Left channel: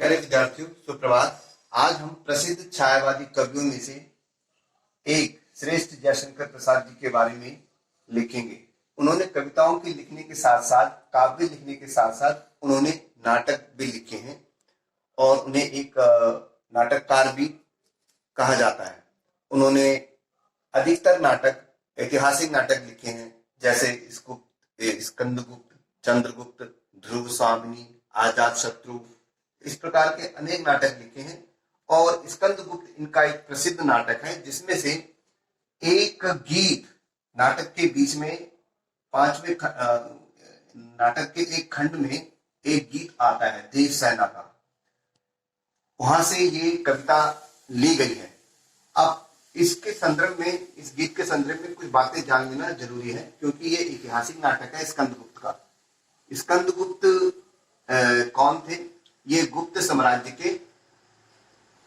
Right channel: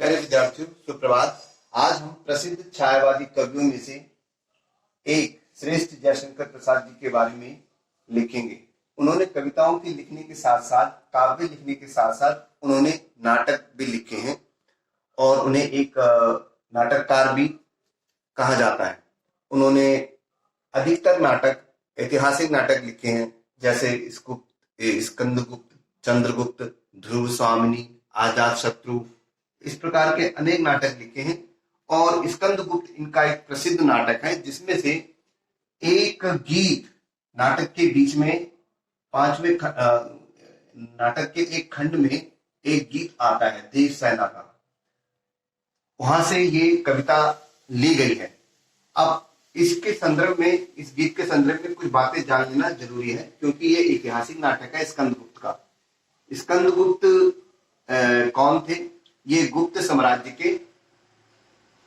प्यारे विद्यार्थियों, सुप्रभात। आज हम प्रसिद्ध छायावादी कवियों में से एक श्रेष्ठ जयशंकर प्रसाद जी के बारे में लिखेंगे। उन्होंने कविताओं के लिखने के साथ साथ, काव्य लिखने के साथ साथ उन्होंने नाटक भी लिखे हैं और उन्हें एक नाटककार भी कहा जाता है। उन्होंने अधिकतर नाटक, ऐतिहासिक नाटक लिखे हैं, जैसे स्कंदगुप्त, चंद्रगुप्त, ध्रुव स्वामिनी, आजाद शत्रु, इस प्रकार के अनेक नाटक लिखे हैं। और स्कंदगुप्त इनका एक प्रसिद्ध नाटक है, जिसमें से एक गीत नाटक के बीच में पांचवें नाटक के एक खंड में एक गीत आता है देव सेना का। वहां से ये कविता ली गई है। अब इसके संदर्भ में, इस गीत के संदर्भ में कुछ बातें जान लेना जरूरी है, क्योंकि ये ऐतिहासिक नाटक है स्कंदगुप्त का। स्कंदगुप्त कौन थे? ये गुप्त साम्राज्य के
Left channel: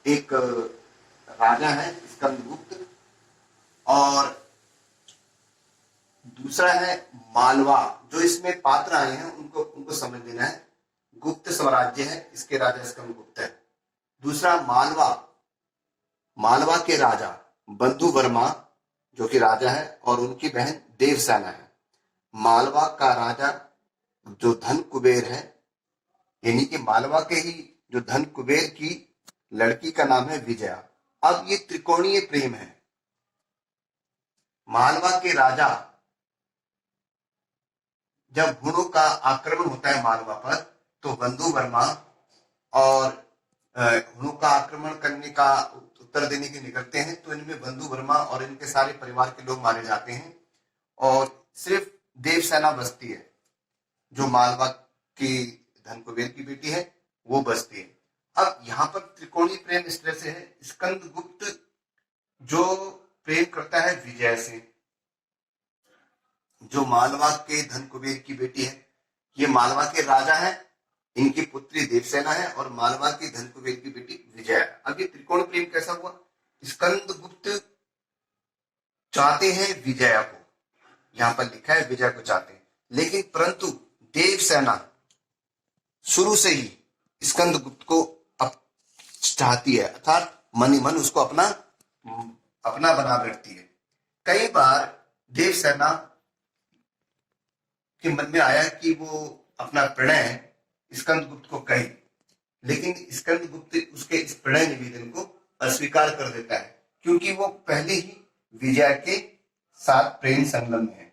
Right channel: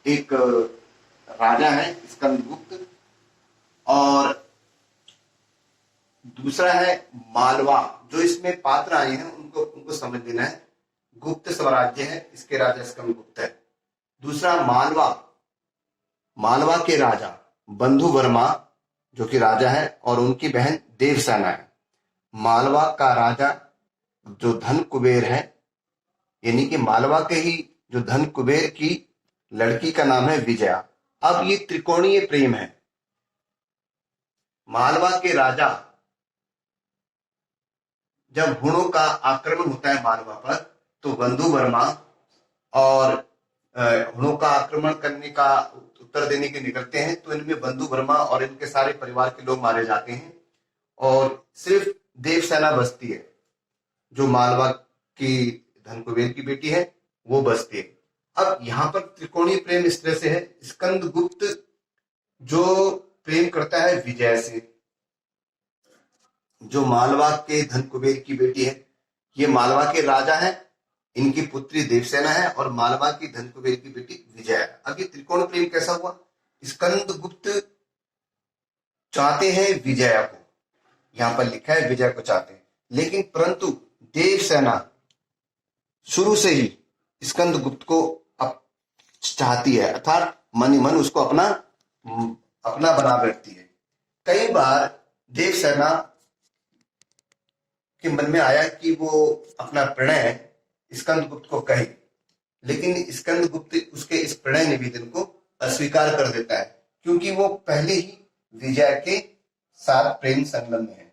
एक राजा है स्कंदगुप्त। और दूसरा है मालवा। जो इसमें पात्र आए हैं उनको समझ लेना है। गुप्त साम्राज्य है, इसके राजा स्कंदगुप्त है। दूसरा मालवा, मालवा के राजा बंधु वर्मा जो कि राजा है, और उनकी बहन देवसेना है। मालवा का राजा जो धन कुबेर है, यानी कि मालवा के ही जो धन कुबेर की लड़की का नाम है विजया। अब ये त्रिकोणीय प्रेम है। मालवा के राजा, जब हुणों का आक्रमण होता है मालवा पर, तो बंधु वर्मा और हुणों का आक्रमण करने का उत्तर देने के निकलते हैं, तो इनमें बंधु वर्मा और इनके सारे परिवार के लोग मारे जाते हैं और सिर्फ देवसेना बचती है, जो मालवा की धन कुबेर की बेटी है, वो बचती है। अब यहाँ पर त्रिकोणीय प्रेम इस तरह से है। स्कंदगुप्त जो प्रेम करता है विजय से, जो मालवा के धन कुबेर की बेटी है। ये मालवा के राजा है, इनकी पुत्री देवसेना है, और मालवा की धन कुबेर की बेटी विजय है। अब ये त्रिकोण प्रेम कैसा हुआ? स्कंदगुप्त चाहते हैं विजया को, यहां पर लिखा है विजय को चाहते हैं, लेकिन परंतु देवसेना शुरू से ही स्कंदगुप्त को चाहती है, अर्थात मन ही मन उसको अपना बना बैठती है। कई बार देवसेना के मन में आया कि वो अपना प्रणय स्कंदगुप्त को कहे, लेकिन स्कंदगुप्त उसके इस प्रणय निवेदन को अस्वीकार कर देता है, क्योंकि वो पहले ही विजय के साथ प्रेम संगम में है।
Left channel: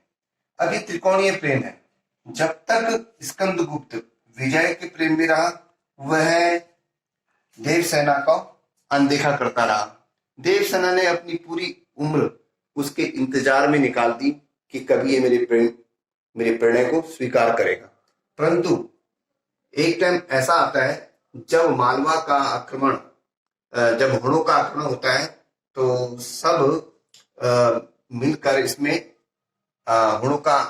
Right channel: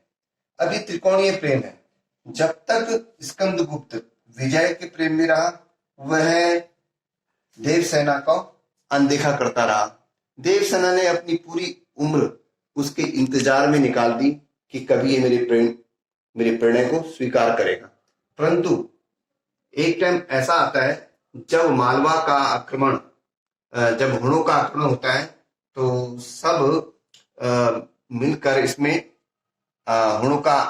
अभी त्रिकोणीय प्रेम है। जब तक स्कंदगुप्त विजय के प्रेम में रहा, वह देवसेना को अनदेखा करता रहा। देवसेना ने अपनी पूरी उम्र उसके इंतजार में निकाल दी कि कभी ये मेरे प्रणय को स्वीकार करेगा। परंतु एक टाइम ऐसा आता है जब मालवा का आक्रमण, जब हुणों का आक्रमण होता है, तो सब मिलकर इसमें हुणों का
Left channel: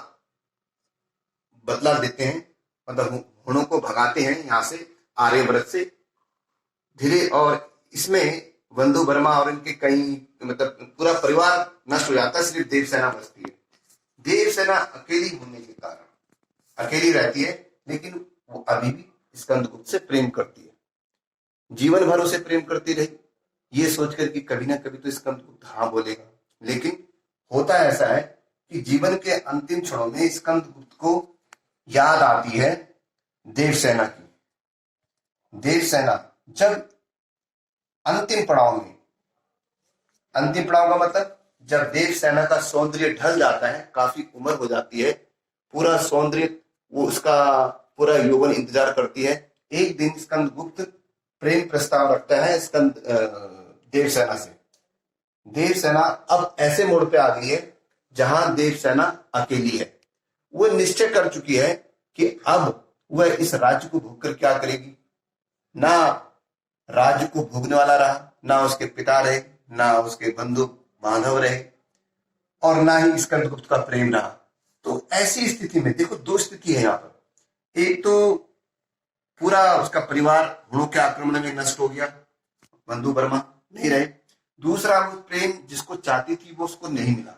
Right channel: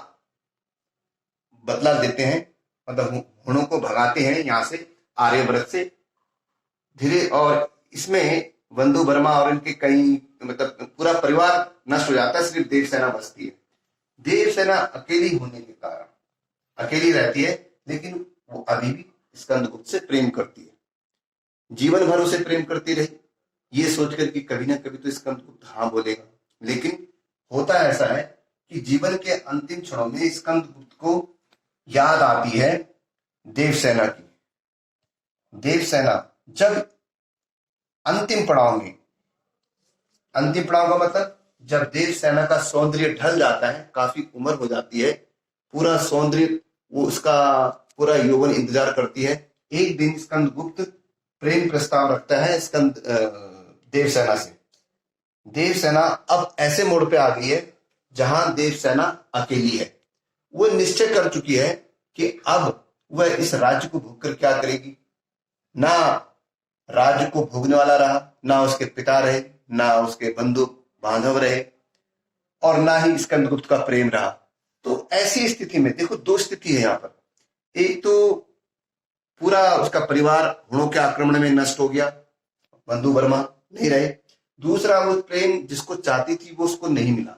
बदला देते हैं, मतलब हुणों को भगाते हैं यहाँ से, आर्यव्रत से धीरे। और इसमें बंधु वर्मा और इनके कई, मतलब पूरा परिवार नष्ट हो जाता है, सिर्फ देवसेना बचती है। देवसेना अकेली होने के कारण अकेली रहती है, लेकिन वो अभी भी स्कंदगुप्त से प्रेम करती है, जीवन भर उसे प्रेम करती रही, ये सोचकर कि कभी ना कभी तो स्कंदगुप्त हाँ बोलेगा। लेकिन होता ऐसा है कि जीवन के अंतिम क्षणों में स्कंदगुप्त को याद आती है देवसेना की। देवसेना जब अंतिम पड़ाव का मतलब जब देवसेना का सौंदर्य ढल जाता है, काफी उम्र हो जाती है, पूरा सौंदर्य, वो उसका पूरा यौवन इंतजार करती है। एक दिन स्कंदगुप्त प्रेम प्रस्ताव रखता है देवसेना से। देवसेना अब ऐसे मोड़ पे आ गई है जहां देवसेना अकेली है। वो निश्चय कर चुकी है कि अब वह इस राज्य को भोगकर क्या करेगी। ना राज्य को भोगने वाला रहा, ना उसके पिता रहे, ना उसके बंधु बांधव रहे, और ना ही स्कंदगुप्त का प्रेम रहा। तो ऐसी स्थिति में देखो, दो स्थिति है यहाँ पर। एक तो पूरा उसका परिवार हुणों के आक्रमण में नष्ट हो गया, बंधु वर्मा नहीं रहे। दूसरा, वो प्रेम जिसको चाहती थी वो उसको नहीं मिला।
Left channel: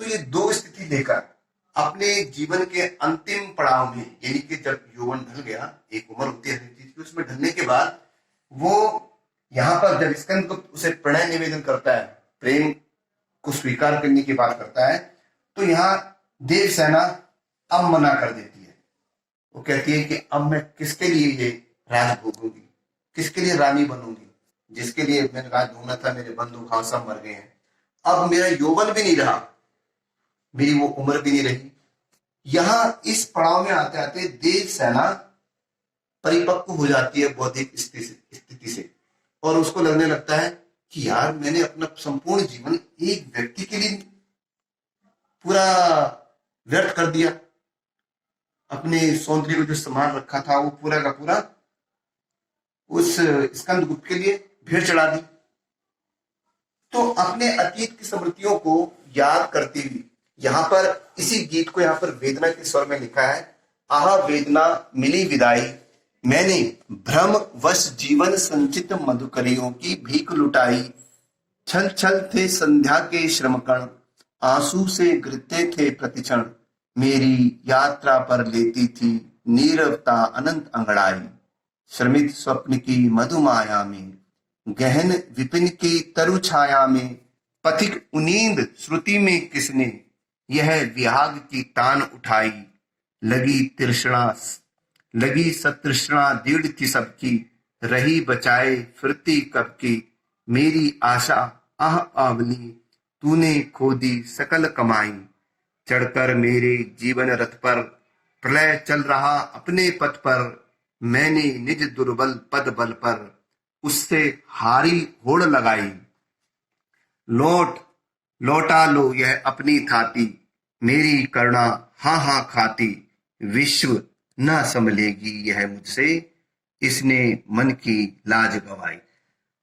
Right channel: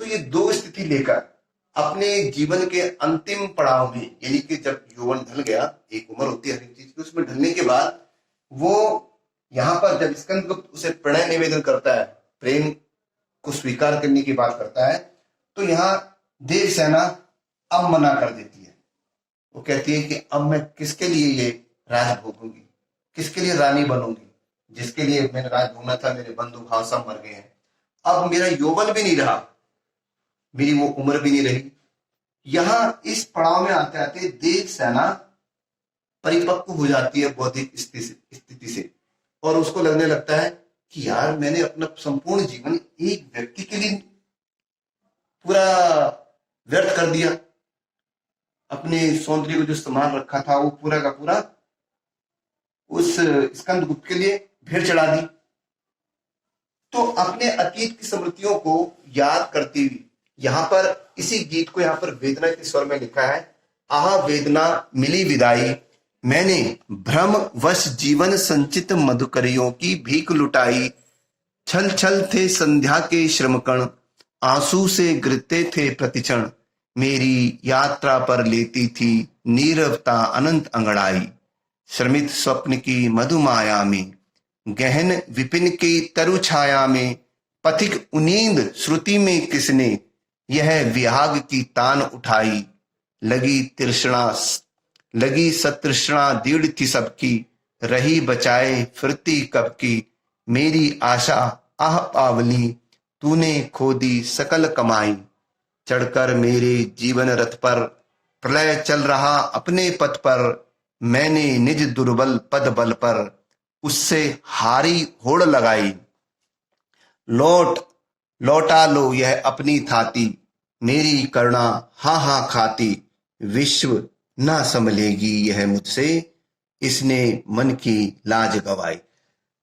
तो ये दो स्थिति लेकर अपने जीवन के अंतिम पड़ाव में, यानी कि जब यौवन ढल गया, एक उम्र होती है हर चीज की, उसमें ढलने के बाद वो यहाँ पर जब स्कंद को उसे प्रणय निवेदन करता है, प्रेम को स्वीकार करने की बात करता है, तो यहाँ देवसेना अब मना कर देती है। वो कहती है कि अब मैं किसके लिए ये राज भोगूंगी, किसके लिए रानी बनूंगी, जिसके लिए मैंने राज भोगना था, मेरे बंधु भाव सब मर गए हैं, अब मेरा यौवन भी नहीं रहा, मेरी वो उम्र भी नहीं रही। यहां इस पड़ाव में आते आते देवसेना परिपक्व हो जाती है बौद्धिक स्थिति से, और उसको लगने लगता है कि यार मैंने अपना संपूर्ण जीवन एक व्यक्ति के लिए पूरा व्यर्थ कर दिया, अपने सौंदर्य को जो संभाल रखा था वो पूरा का पूरा उस स्कंदगुप्त के लिए भेड़ चढ़ा दी। तो अपने अतीत की स्मृतियों को याद करती हुई यहाँ पर इसी गीत को यहाँ पर वेदना के स्वर में लिखा है, आह वेदना मिली विदाई, मैंने भ्रम वश जीवन संचित मधुकरियों की भीख लुटाई, छल छल थे संध्या के श्रमकण, आंसू से गिरते थे प्रतिक्षण, मेरी यात्रा पर लेती थी नीरवता अनंत अंगड़ाई, श्रमित स्वप्न की मधुमाया में, गहन विपिन की तरु छाया में, पथिक उनींद श्रुति में किसने यह विहाग की तान उठाई, लगी सतृष्णा दृढ़ थी सबकी, रही बचाए फिरती कब की, मेरी आशा आह पावली तूने खो दी सकल कमाई, चढ़कर मेरे जीवन रथ पर प्रलय चल रहा अपने पथ पर, मैंने निज दुर्बल पद बल पर उससे हारी होड़ लगाई, लौटा लो यह अपनी थाती, मेरी करुणा हाँ हाँ खाती, विश्व न संभलेगी यह मुझसे, इसने मन की लाज गवाई।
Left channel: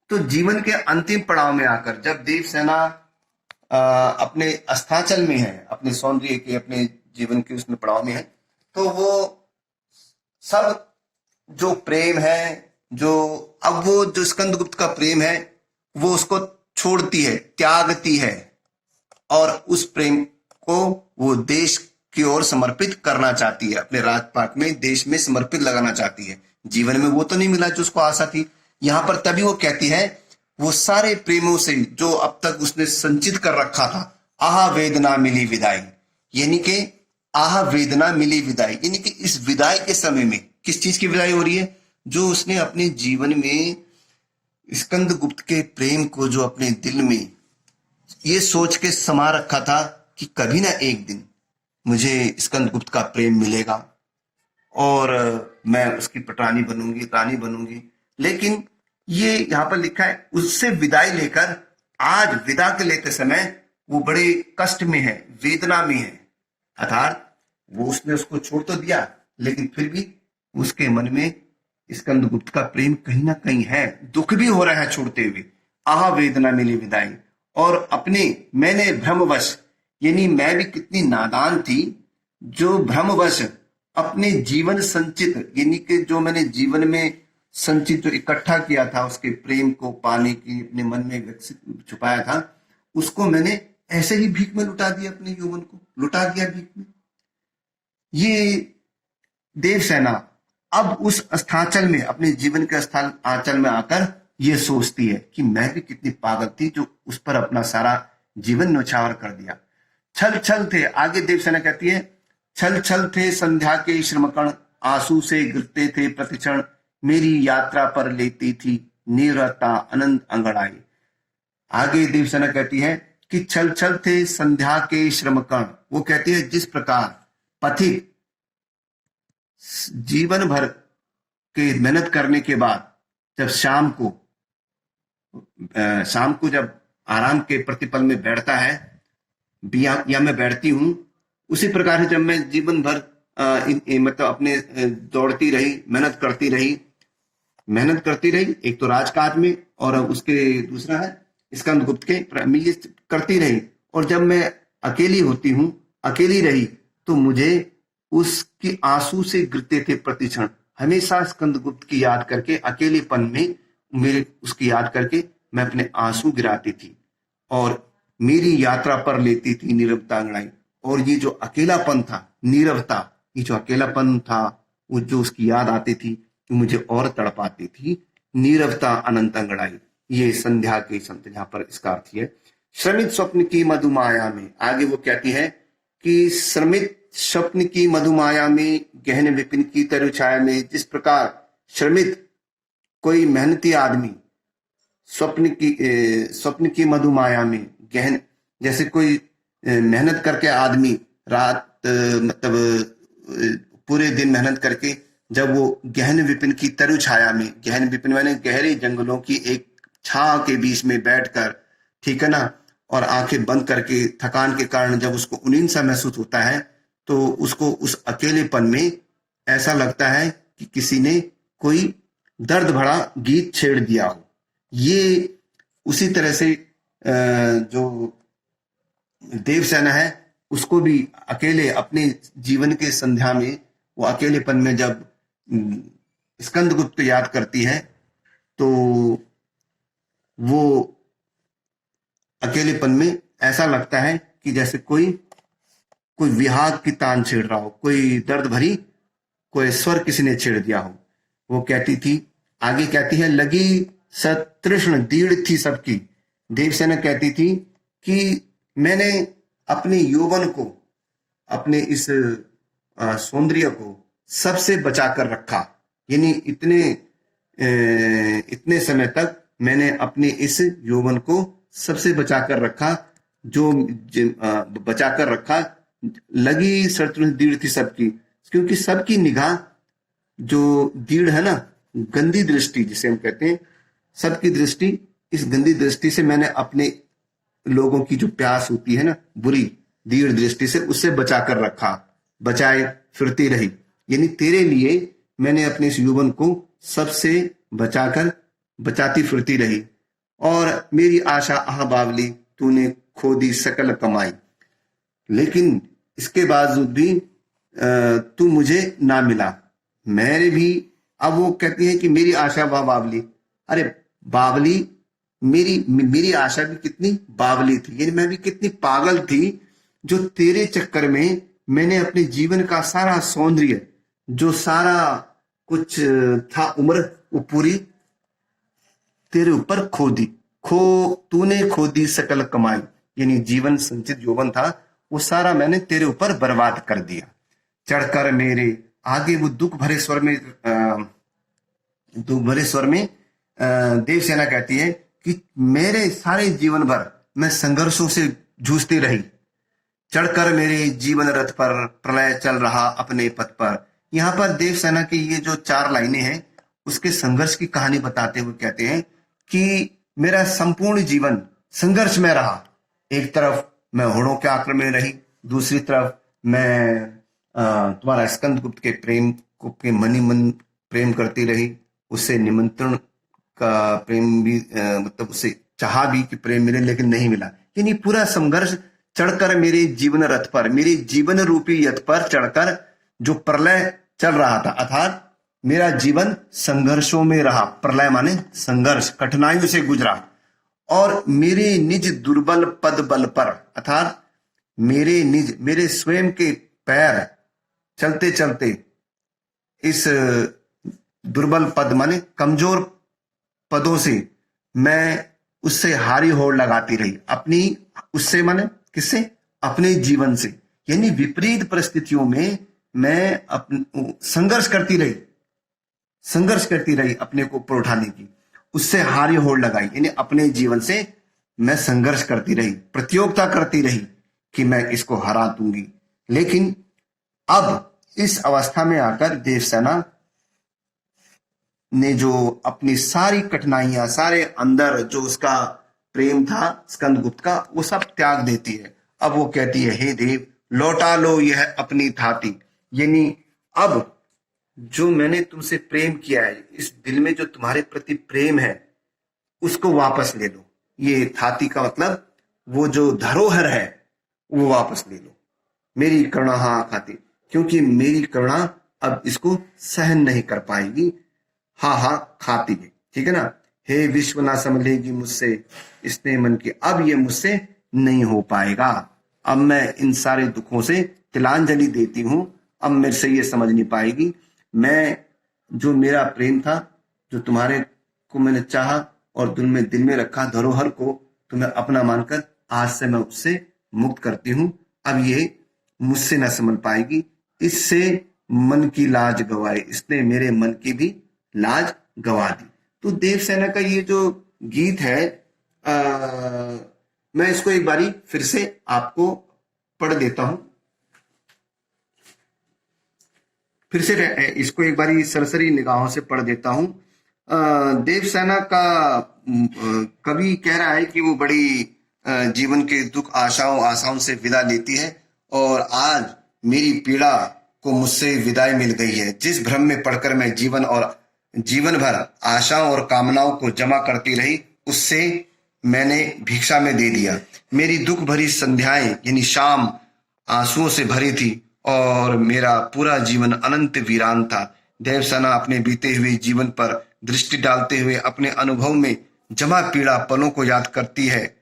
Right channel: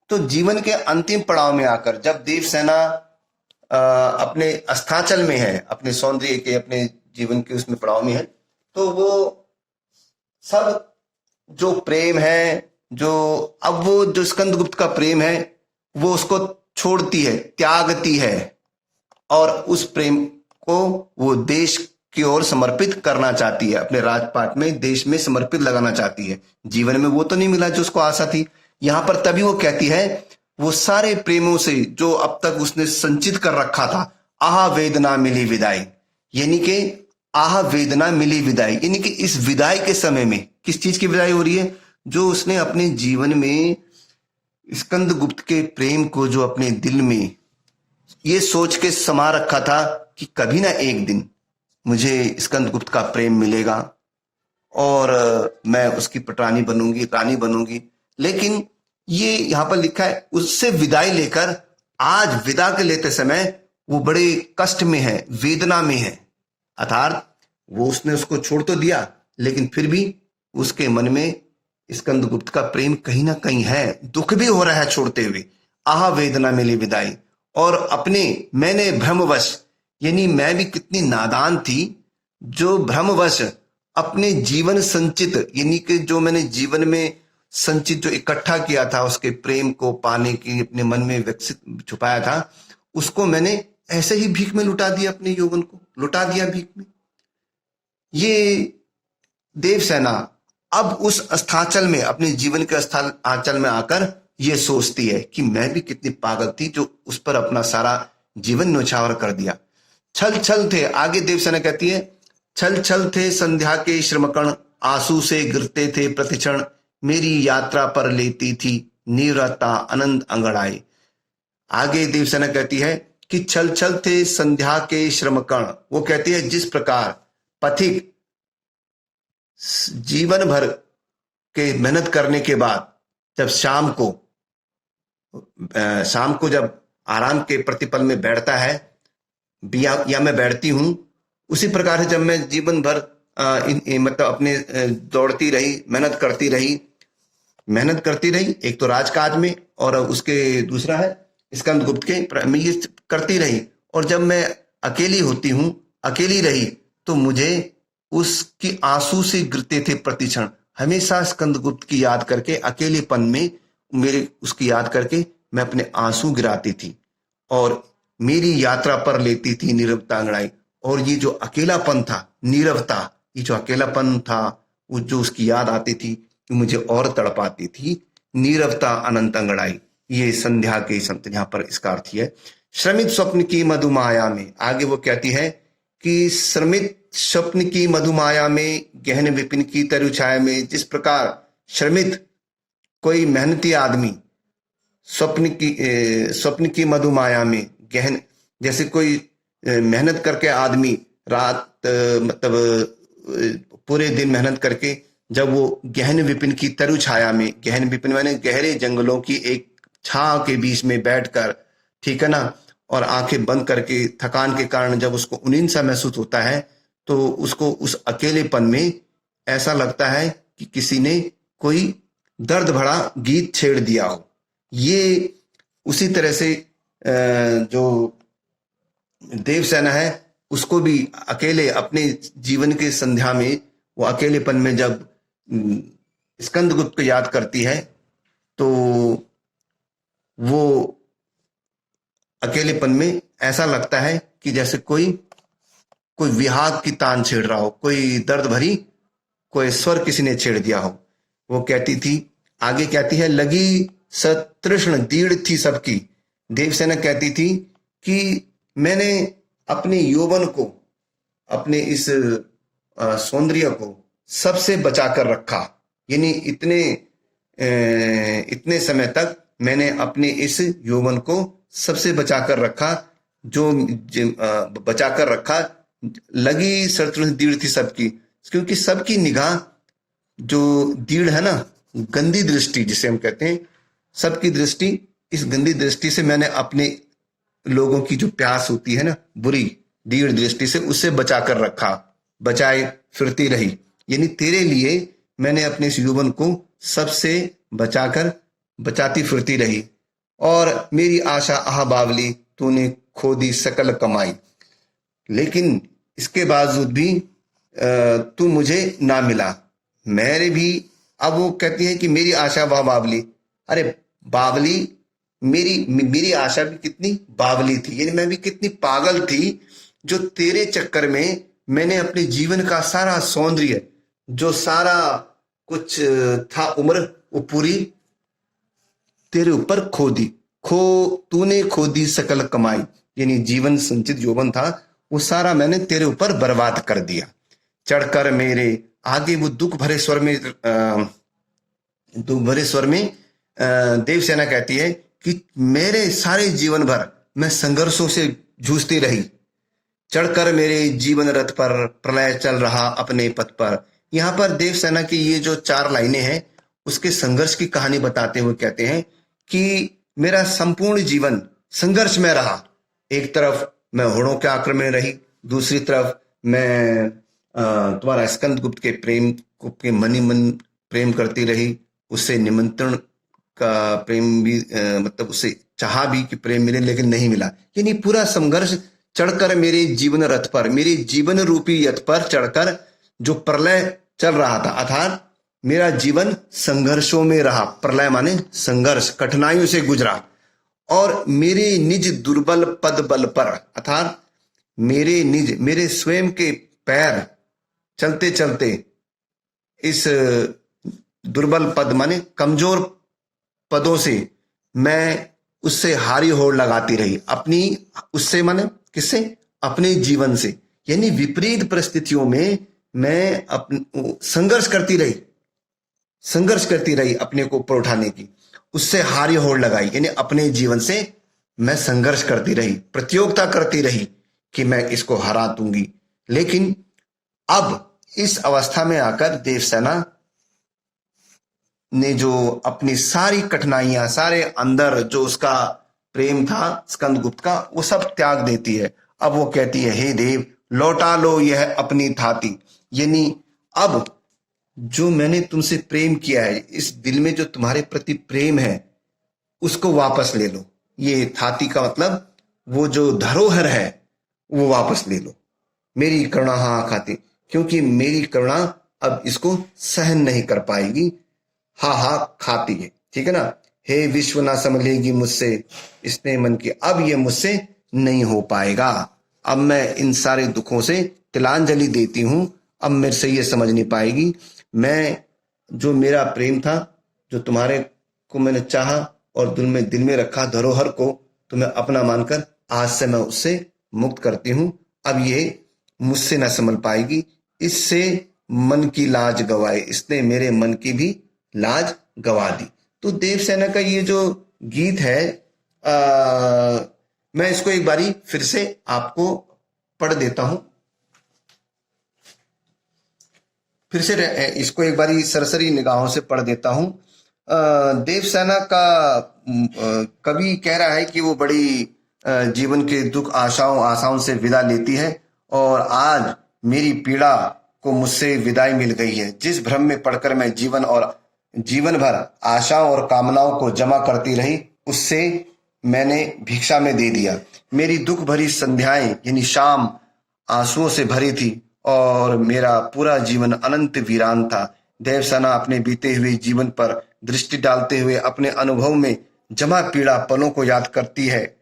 तो जीवन के अंतिम पड़ाव में आकर जब देवसेना अपने अस्ताचल में है, अपने सौंदर्य के, अपने जीवन के उसमें पड़ाव में है, तो वो सब जो प्रेम है, जो अब वो जो स्कंदगुप्त का प्रेम है वो उसको छोड़ती है, त्यागती है, और उस प्रेम को वो देश की ओर समर्पित करना चाहती है, अपने राजपाट में देश में समर्पित लगाना चाहती है। जीवन में वो तो नहीं मिला जो उसको आशा थी। यहां पर तभी वो कहती है वो सारे प्रेमों से जो अब तक उसने संचित कर रखा था, आह वेदना मिली विदाई, यानी कि आह वेदना मिली विदाई, यानी कि इस विदाई के समय में किस चीज की विदाई हो रही है, जो उसने अपने जीवन में स्कंदगुप्त के प्रेम को जो अपने दिल में ये सोच के समा रखा था कि कभी ना एक दिन मुझे स्कंदगुप्त का प्रेम मिलेगा और मैं उसकी पटरानी बनूंगी, रानी बनूंगी। लेकिन ये यहाँ पर लिखा है उससे विदाई लेकर आज विदा के लेते समय वो बड़े कष्ट में है, वेदना में है। अर्थात वो उसने उसको छोड़ तो दिया, लेकिन फिर भी उसके मन में स्कंदगुप्त का प्रेम कहीं ना कहीं है, दुख भी हो रहा है छोड़ते हुए। आह वेदना मिली विदाई, और अपने मैंने भ्रमवश, यानी मैं भी कितनी नादान थी जो भ्रमवश अपने जीवन संचित, यानी कि जो मैंने जीवन में संचित जो इकट्ठा किया था उसके प्रेम को पाने की अपने मन में विकसित छुपाया था, उसको मैंने ऐसे ही भीख में लुटा दिया, अपने यौवन को लुटा दिया भीख में। ये देवसेना अब उस अस्ताचल में, अपने जीवन के आंचल में आकर ये सोचती है कि मैं भी कितनी पागल थी जो उस पर अपना सारा जीवन न्यौछावर कर दिया। छल छल थे, आगे देवसेना कहती है, छल छल थे संध्या के श्रमकण, आंसू से गिरते थे प्रतिक्षण, मेरी यात्रा पर लेती थी नीरवता अनंत अंगड़ाई। आगे देवसेना कहती है कि छल छल थे संध्या के श्रमकण, वो कहती है जिस प्रकार पथिक जीवन भर के मेहनत करने के बाद जब शाम को जब आराम के प्रतिपल में बैठता है, या मैं बैठती हूं, उसी प्रकार से जब मैं जीवन भर मतलब अपने दौड़ती रही, मेहनत करती रही, एक तो राजकाज में और उसके दूसरा है स्कंदगुप्त के, मैं ये करती रही, और जब मैं अकेली रही तो मुझे उसकी आंसू से गिरते थे प्रतिक्षण, हमेशा स्कंदगुप्त की याद करके, अकेलेपन में मेरे उसकी याद करके मैं अपने आंसू गिराती थी, और मेरी यात्रा पर लेती थी नीरवता अंगड़ाई। और ये जो अकेलापन था, नीरवता, ये जो अकेलापन था, वो जो उसकी याद आती थी, मुझे और तड़पाती थी नीरवता अनंत अंगड़ाई। ये संध्या के संत यहाँ पर इसका अर्थ है। श्रमित स्वप्न की मधुमाया में, आगे वो कहती है कि श्रमित स्वप्न की मधुमाया में गहन विपिन की तरु छाया में, जिस प्रकार श्रमित कोई मेहनती आदमी स्वप्न की मधुमाया में गहन, जैसे कोई मेहनत करके आदमी रात मतलब पूरे दिन मेहनत करके जब वो गहन विपिन की तरु छाया में, गहन विपिन माने गहरे जंगलों की एक छाव के बीच में बैठकर, ठीक है ना, और आंखें बंद करके थकान के कारण जब उसको उनींद सा महसूस होता है तो उसको उस अकेलेपन में ऐसा लगता है कि किसी ने कोई दर्द भरा गीत छेड़ दिया हो। ये उसी तरह से जो देवसेना है उसको भी अकेले अपने जीवन के संध्या में, वो अकेलेपन में जब स्कंदगुप्त को याद करती है तो वो अकेलेपन में ऐसा लगता है कि जैसे कोई विहाग की तान छेड़ रहा हो, कोई दर्द भरी कोई स्वर किसी ने छेड़ दिया हो। वो कहती थी, आगे कहती है, लगी सतृष्ण दीढ़ थी सबकी। देवसेना कहती थी कि मैंने अपने यौवन को, अपने इस सौंदर्य को सबसे बचा कर रखा, यानी इतने समय तक मैंने अपने इस यौवन को सबसे बचा कर रखा, जो बचा कर रखा। लगी सतृष्ण दीढ़ थी सबकी, क्योंकि सबकी निगाह, जो दीढ़ है ना, गंदी दृष्टि जिसे हम कहते हैं, सबकी दृष्टि, इस गंदी दृष्टि से मैंने अपने लोगों की जो प्यास होती है ना, बुरी दीढ़ दृष्टि से, उससे बचा कर रखा, बचाए फिरती रही। यानी तेरे लिए मैंने अपने इस यौवन को सबसे बचाती फिरती रही। और मेरी आशा आह बावली तूने खो दी सकल कमाई, लेकिन इसके बावजूद भी तू मुझे ना मिला। मेरे भी, अब वो कहती है कि मेरी आशा वह बावली, अरे बावली, मेरी आशा भी कितनी बावली थी, यानी मैं भी कितनी पागल थी, जो तेरे चक्कर में मैंने अपने जीवन का सारा सौंदर्य, जो सारा कुछ था उम्र, वो पूरी तेरे ऊपर खो दी। तूने खो दी सकल कमाई, यानी जीवन संचित यौवन था वो सारा मैंने तेरे ऊपर बर्बाद कर दिया। चढ़कर मेरे, आगे वो दुख भरे स्वर में देवसेना कहती है कि मेरे सारे जीवन भर मैं संघर्षों से जूझती रही। चढ़कर मेरे जीवन रथ पर प्रलय चल रहा अपने पथ पर। यहाँ पर देवसेना की ये जो 4 लाइनें हैं उसके संघर्ष की कहानी बताते हुए कहते हैं कि मेरा संपूर्ण जीवन संघर्ष में रहा। एक तरफ मैं होड़ों के आक्रमण में रही, दूसरी तरफ मैं तुम्हारा स्कंदगुप्त के प्रेम को के मन प्रेम करती रही, उससे निमंत्रण का प्रेम भी मतलब उससे चाहा भी कि प्रेम मिले, लेकिन नहीं मिला। यानी पूरा संघर्ष चढ़कर मेरे जीवन रथ पर, मेरे जीवन रूपी रथ पर चढ़कर जो प्रलय चल रहा था, अर्थात मेरा जीवन संघर्षों में रहा। प्रलय माने संघर्ष, कठिनाइयों से गुजरा। और मेरे निज दुर्बल पद बल पर, अर्थात मेरे स्वयं के पैर चलते चलते इस दुर्बल पद माने कमजोर पदों से मैं उससे हारी होड़ लगाती रही। उससे माने किससे? अपने जीवन से। यानी विपरीत परिस्थितियों में मैं संघर्ष करती रही अपने को ऊपर उठाने की, उससे हारी होड़ लगाई। यानी अपने जीवन से मैं संघर्ष करती रही, प्रतियोगिता करती रही कि मैं इसको हरा दूंगी। लेकिन अब इस अवस्था में आकर देवसेना ने जो अपनी सारी कठिनाइयां, सारे अंदर जो उसका प्रेम था स्कंदगुप्त का, वो सब त्याग देती है। अब वो कहती है, हे देव लौटा लो यह अपनी थाती, यानी अब जो मैंने तुमसे प्रेम किया है, इस दिल में जो तुम्हारे प्रति प्रेम है उसको वापस ले लो। ये थाती का मतलब वो जो धरोहर है वो वापस ले लो। मेरी करुणा हाँ खाती, क्योंकि मेरी करुणा अब इसको सहन नहीं कर पाएगी, हा हा खाती है। ठीक है ना। हे विश्व ना संभलेगी मुझसे इसने मन की, अब ये मुझसे नहीं हो पाएगा। अब मैं इन सारे दुखों से तिलांजलि देती हूं, अब मेरे से ये समझ नहीं पाएगी। मैं जो मेरा प्रेम था, जो तुम्हारे को मैंने चाहा और दिल में रखा धरोहर को तुम्हें अपना मानकर आज से मैं उससे मुक्त करती हूँ। अब ये मुझसे न संभल पाएगी, इससे मन की लाज गवाए, इसने मेरे मन की भी लाज गवा दी। तो देवसेना का ये जो गीत है, मैं इसको एक बारी फिर से आपको पढ़ देता हूं। फिर से इसको एक बारी सरसरी निगाहों से पढ़ देता हूं। देवसेना का कवि कह रहा है कि वो बड़ी जीवन के दुख आशाओं से विदा लेती है और आज मेरी पीड़ा को मुझसे विदाई मिल गई है। जिस भ्रम में पड़कर मैं जीवन भर आशाओं और कामनाओं को जमा करती रही, उससे मैंने भिक्षा में दे दिया। मेरी दुख भरी संध्याएं यानी शाम आंसुओं से भरी थी और मेरा पूरा जीवन अनंत वीरान था। देवसेना अपने बीते हुए जीवन पर दृष्टि डालते हुए अपने अनुभव में जमा पीड़ा पलों को याद करती है।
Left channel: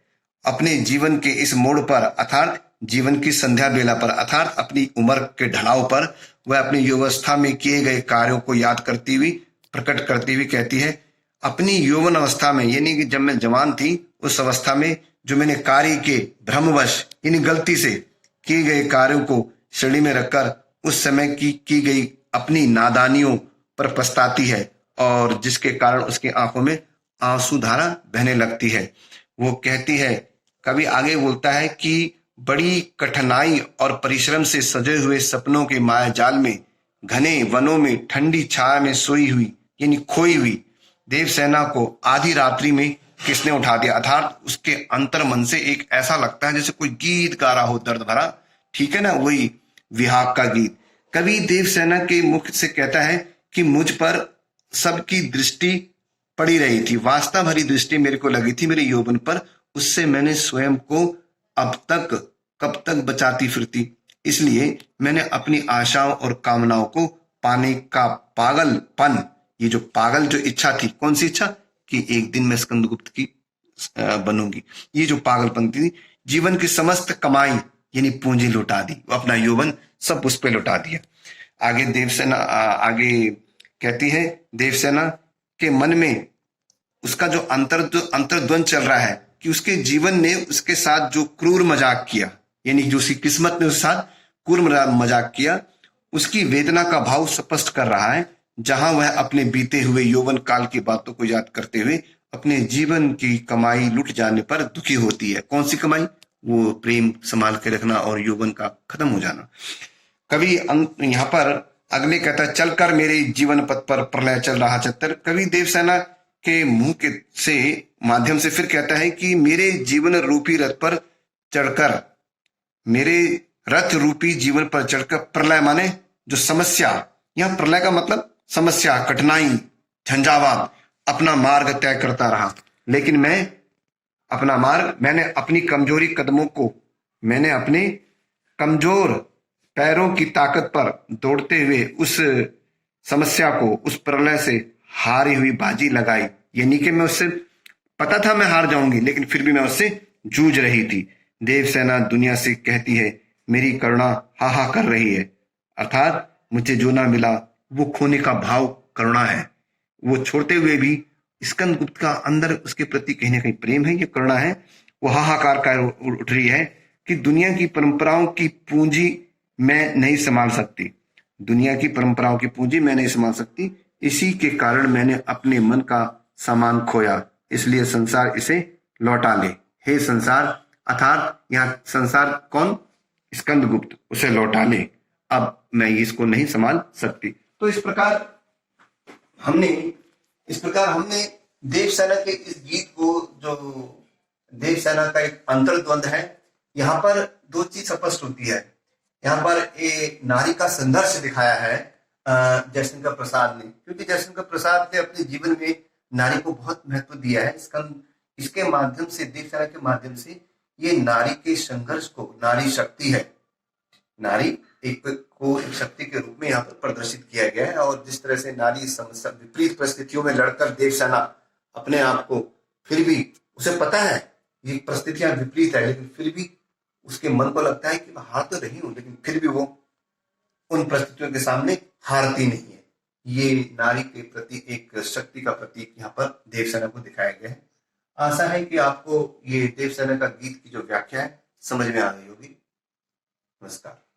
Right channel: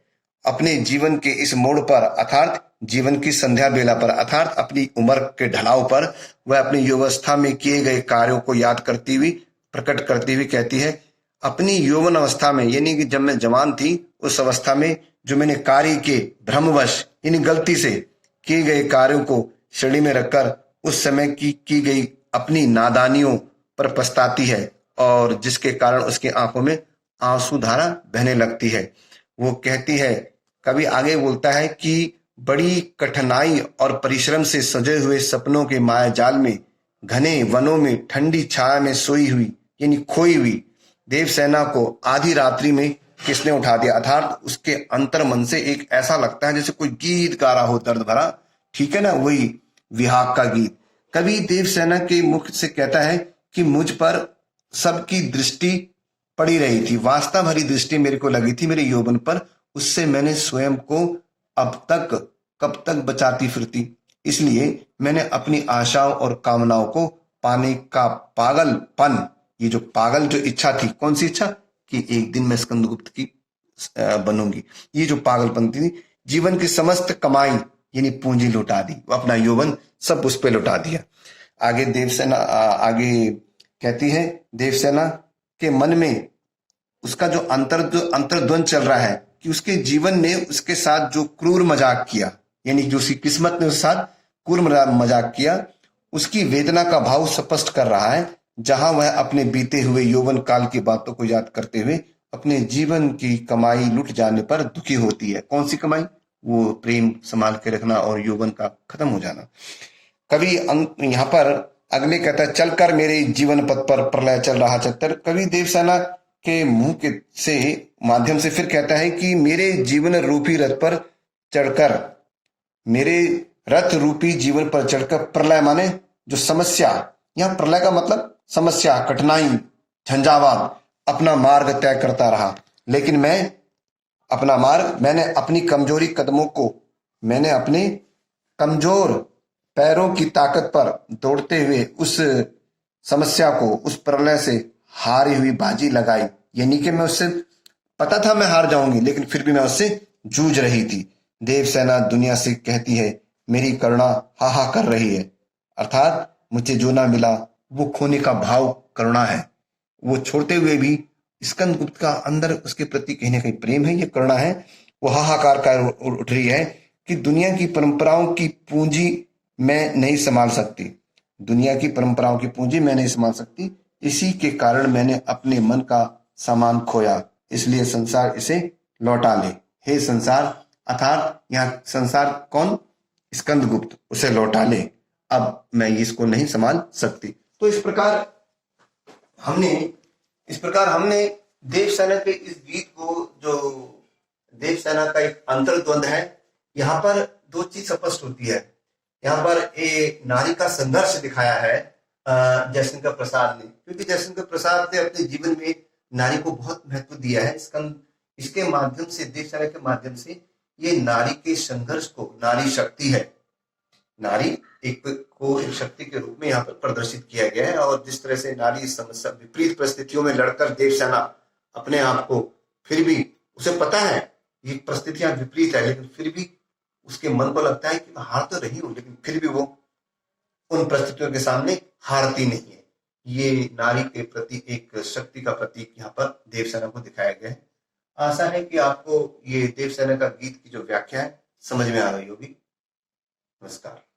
अपने जीवन के इस मोड़ पर अर्थात जीवन की संध्या बेला पर अर्थात अपनी उम्र के ढलाव पर वह अपनी युवावस्था में किए गए कार्यों को याद करती हुई प्रकट करती हुई कहती है, अपनी यौवन अवस्था में यानी कि जब मैं जवान थी उस अवस्था में जो मैंने कार्य के भ्रमवश यानी गलती से किए गए कार्यों को श्रेणी में रखकर उस समय की गई अपनी नादानियों पर पछताती है और जिसके कारण उसकी आंखों में आंसू धारा बहने लगती है। वो कहती है, कवि आगे बोलता है कि बड़ी कठिनाई और परिश्रम से सजे हुए सपनों के माया जाल में घने वनों में ठंडी छाया में सोई हुई यानी खोई हुई देवसेना को आधी रात्रि में किसने उठा दिया। अर्थात उसके अंतर मन से एक ऐसा लगता है जैसे कोई गीत गा रहा हो दर्द भरा, ठीक है ना, वही विहाग का गीत। कवि देवसेना के मुख से कहता है कि मुझ पर सबकी दृष्टि पड़ी रही थी, वास्तव भरी दृष्टि मेरे को लगी थी मेरे यौवन पर, उससे मैंने स्वयं को अब तक कब तक बचाती फिरती। इसलिए मैंने अपनी आशाओं और कामनाओं को पाने का पागलपन, ये जो पागल जो इच्छा थी, कौन सी इच्छा कि एक दिन मैं स्कंदगुप्त की बनूंगी, ये जो पागलपन थी, जीवन की समस्त कमाई यानी पूंजी लुटा दी, अपना यौवन सब उस पे लुटा दिया। आगे देवसेना आगे कहती है, देवसेना के मन में उसका जो अंतर्द्वंद चल रहा है कि उसके जीवन ने उसके साथ जो क्रूर मजाक किया यानी जो उसकी किस्मत ने उसके साथ क्रूर मजाक किया, उसकी वेदना का भाव स्पष्ट कर रहा है। जहां वह अपने बीते हुए यौवन काल की बातों को याद करते हुए अपने जीवन की कमाई लुट जाने पर दुखी होती है। कौन सी कमाई? वो प्रेम संभाल के रखना और यौवन का खत्म हो जाना। कवि यहाँ पर अगले कहता है, चलकर मेरे जीवन पथ पर प्रलय चल रहा चक्कर। कवि देवसेना के मुंह के से माध्यम से फिर कहता है कि मेरे जीवन रूपी रथ पर चढ़कर, मेरे रथ रूपी जीवन पर चढ़कर प्रलय माने जो समस्या, यहां प्रलय का मतलब समस्या, कठिनाई, झंझावात, अपना मार्ग तय करता रहा। लेकिन मैंने अपनी कमजोरी कदमों को, मैंने अपने कमजोर पैरों की ताकत पर दौड़ते हुए उस समस्या को, उस प्रलय से हारी हुई बाजी लगाई। यानी कि मैं उससे पता था मैं हार जाऊंगी, लेकिन फिर भी मैं उससे जूझ रही थी। देवसेना दुनिया से कहती है, मेरी करुणा हा कर रही है। अर्थात मुझे जो ना मिला वो खोने का भाव करुणा है। वो छोड़ते हुए भी स्कंदगुप्त का अंदर उसके प्रति कहीं ना कहीं प्रेम है, ये करुणा है। वो हाहाकार कर उठ रही है कि दुनिया की परंपराओं की पूंजी मैं नहीं संभाल सकती, दुनिया की परंपराओं की पूंजी मैं नहीं संभाल सकती। इसी के कारण मैंने अपने मन का सामान खोया, इसलिए संसार इसे लौटा ले। हे संसार, अर्थात यहाँ संसार कौन? स्कंदगुप्त, उसे लौटा ले, अब मैं इसको नहीं संभाल सकती। तो इस प्रकार हमने देवसेना के इस गीत को, जो देवसेना का एक अंतर्द्वंद है, यहाँ पर दो चीज स्पष्ट होती है। यहाँ पर एक नारी का संघर्ष दिखाया है जयशंकर प्रसाद ने, क्योंकि जयशंकर प्रसाद ने अपने जीवन में नारी को बहुत महत्व दिया है। इसके माध्यम से, देवसेना के माध्यम से, ये नारी के संघर्ष को, नारी शक्ति है, नारी एक शक्ति के रूप में यहाँ पर प्रदर्शित किया गया है। और जिस तरह से नारी विपरीत परिस्थितियों में लड़कर देवसेना अपने आप को, फिर भी उसे पता है ये परिस्थितियां विपरीत है, लेकिन फिर भी उसके मन को लगता है कि मैं हार तो रही हूं, लेकिन फिर भी वो उन परिस्थितियों के सामने हारती नहीं है। ये नारी के प्रति एक शक्ति का प्रतीक यहाँ पर देवसेना को दिखाया गया है। आशा है कि आपको ये देवसेना का गीत की जो व्याख्या है समझ में आ गई होगी। नमस्कार।